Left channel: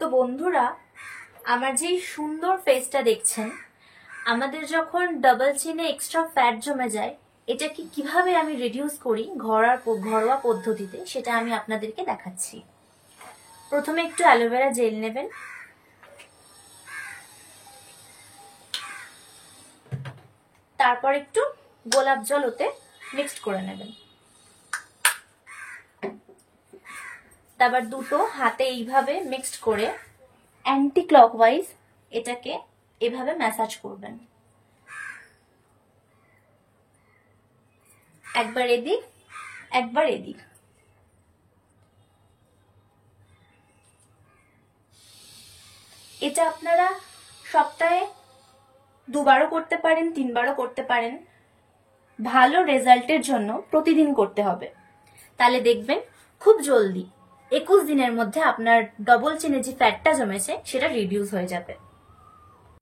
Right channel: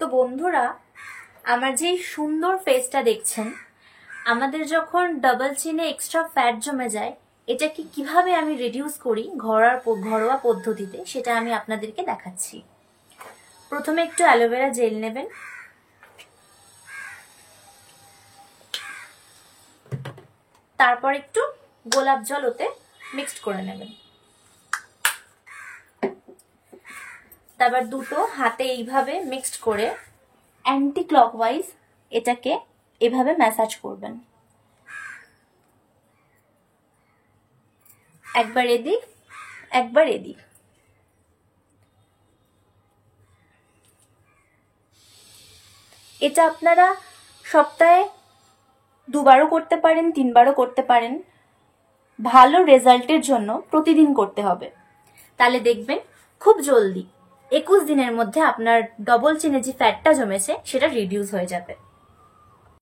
তো বন্ধুরা, আমার যে সুন্দর ফেসটা দেখছেন, আমাদের যখন ডাবল চিনে এক্সট্রা ফ্যাট জমে যায়, এটাকে কিভাবে আমি রিডিউস করি ঘরোয়া পদ্ধতিতে, সেটা আমি আপনাদেরকে দেখাচ্ছি। প্রথমে একটু অ্যালোভেরা জেল নেবেন, তারপর একটু গোলাপ জল ওতে মিক্সড করে নেবেন। তারপর দুটো হাতে এইভাবে মিক্সড করে অ্যান্টি ক্লকওয়াইজ এটাকে এভাবে ম্যাসাজ করবেন। একবার এদিক একবার এদিক। এটা আপনারা সপ্তাহে 2 বারও করতে পারেন, 3 বারও করতে পারেন। ভালো রেজাল্টের জন্য প্রতিদিন করতে হবে, তাহলে দেখবেন খুব জলদি 21 দিনের মধ্যে আপনার ডবল চিনে যে ফ্যাটটা জমেছে সেটা রিডিউস হয়ে যাবে।